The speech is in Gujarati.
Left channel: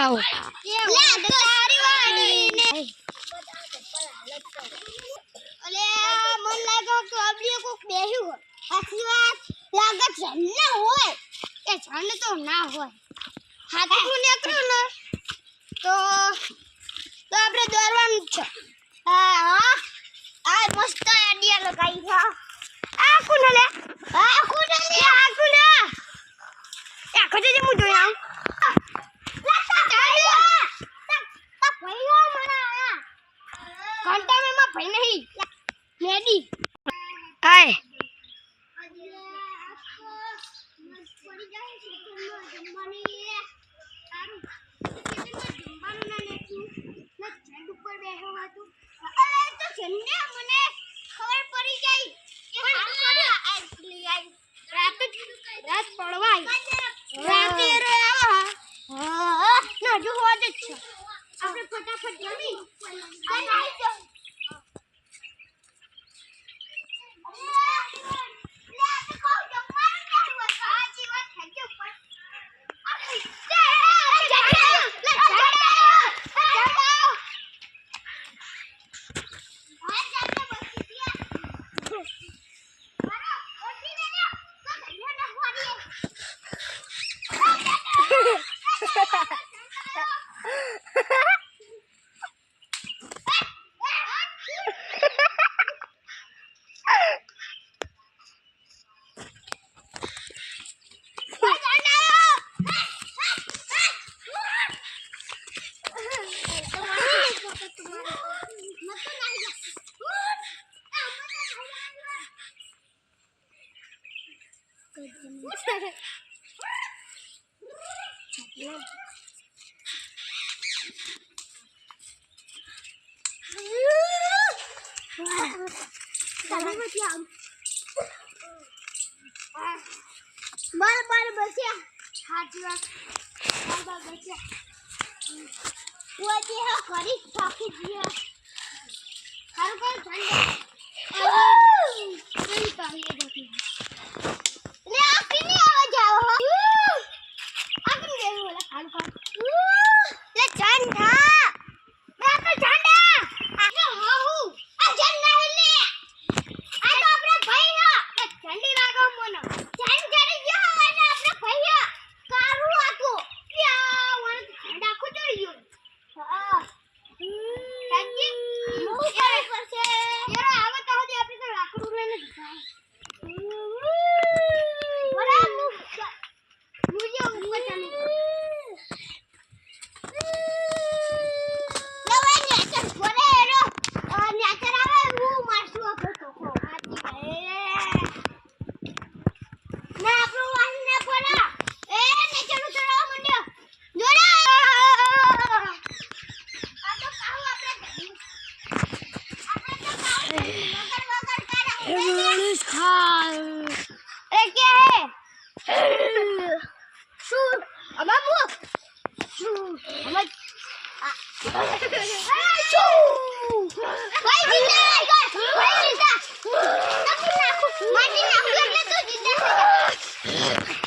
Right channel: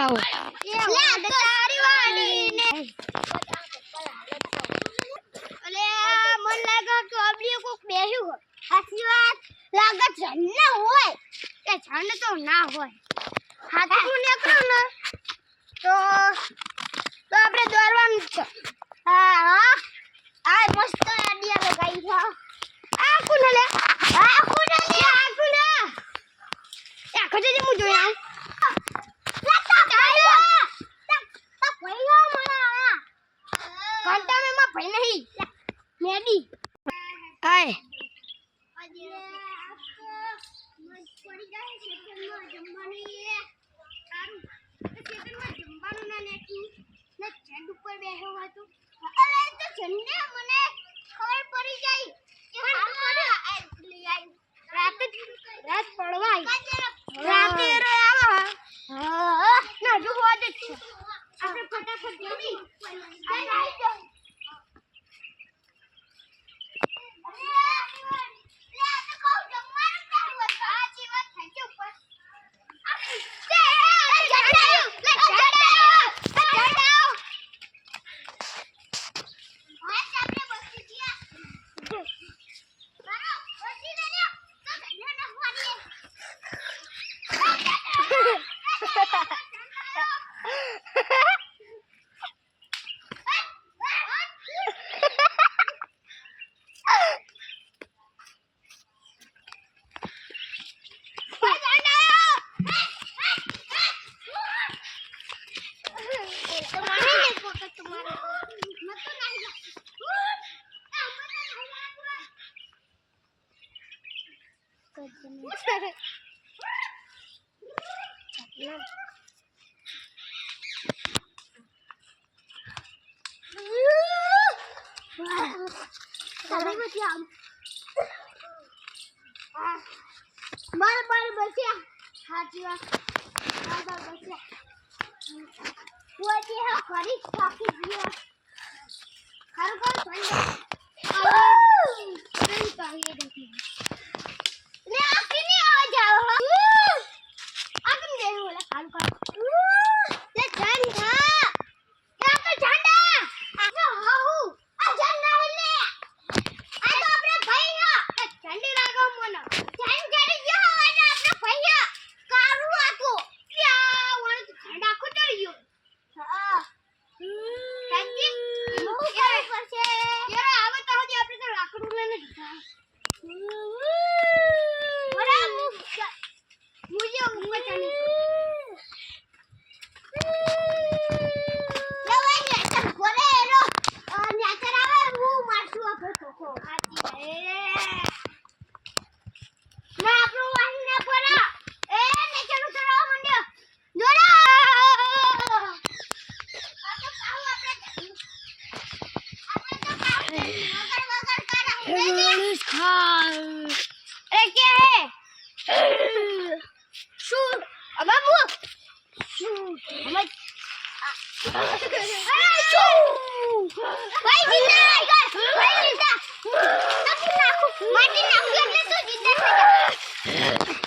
આવો લે તારી વાડીને અલે મન લાગે કે અબલી કોક બેહ્યું હોય હાચી વાત લાગે જન્ને હોય એ જન્ને તો ના હોય હાથી હું નીકળું ને તો આપણે દોરવાનું છે હા આ મસ્ત આઈડિયા લગાઈ છે આ કોને લે આ કોને લે આ કોને એ ખજે જે મુ જોઈ આવું લેતા તાયો તા ભઈઓ મના ઘંટા મે માં ભઈ નહીં મેડી આય આજે આખો મસ્ત પડી જાય છે તેમાં જમવાની સારું તેમાં જમવાનું ના નાખ્યું ને ઝાડ ઉપર બેઠો હતો અલે તો જન્ને મને ખબર પડી જાય કે હાલ કર્યો લઈ આવી રાત પડવા આવી રાતે રે આવા હા ના જો હોવા જ છે આપણે ફટાફટ જમી અને આવી જાવ બાર બસ્યા હાજી વાત બાર બસ્યા ઓજી હા કરી થાકી ગયો હારું કોણ સંડે તાહી દેખી લે આ કિની આવાજ આવો આ કિની દેવું ઓલા હારું કોણ લે ઝંડા લે તો ઝંડા આ હાહુ આ ઝંડા લે આ તો આપણા ભાઈ હે ઝંડી લાગો મને ઝંડ જડી ગયો અને આપણા ભાઈ કારું આતો યા વણ ઝંડા ખોટઈ ગયો હા સંજી મો યાર પરસે યાર આવે તો હજી આપણે તો લાકડું લઈને જતા બરા મુજે ઉપર ચાલી લવાય ને તો બોલે એરો ન્યાચર આવે હું મારશું આપણે ખોખો આતી ના આપણો વાસ ના પડા એ નેચર ઉતરવા મંડ્યો જોડા આ તો કાવ આપણે Everyone calm. अरे क्या है शू अबाबू शू हम शू भाई जिंदा भाई जिंदा तब नाखू माटी नाखू એટલે તો जिंदा થઈ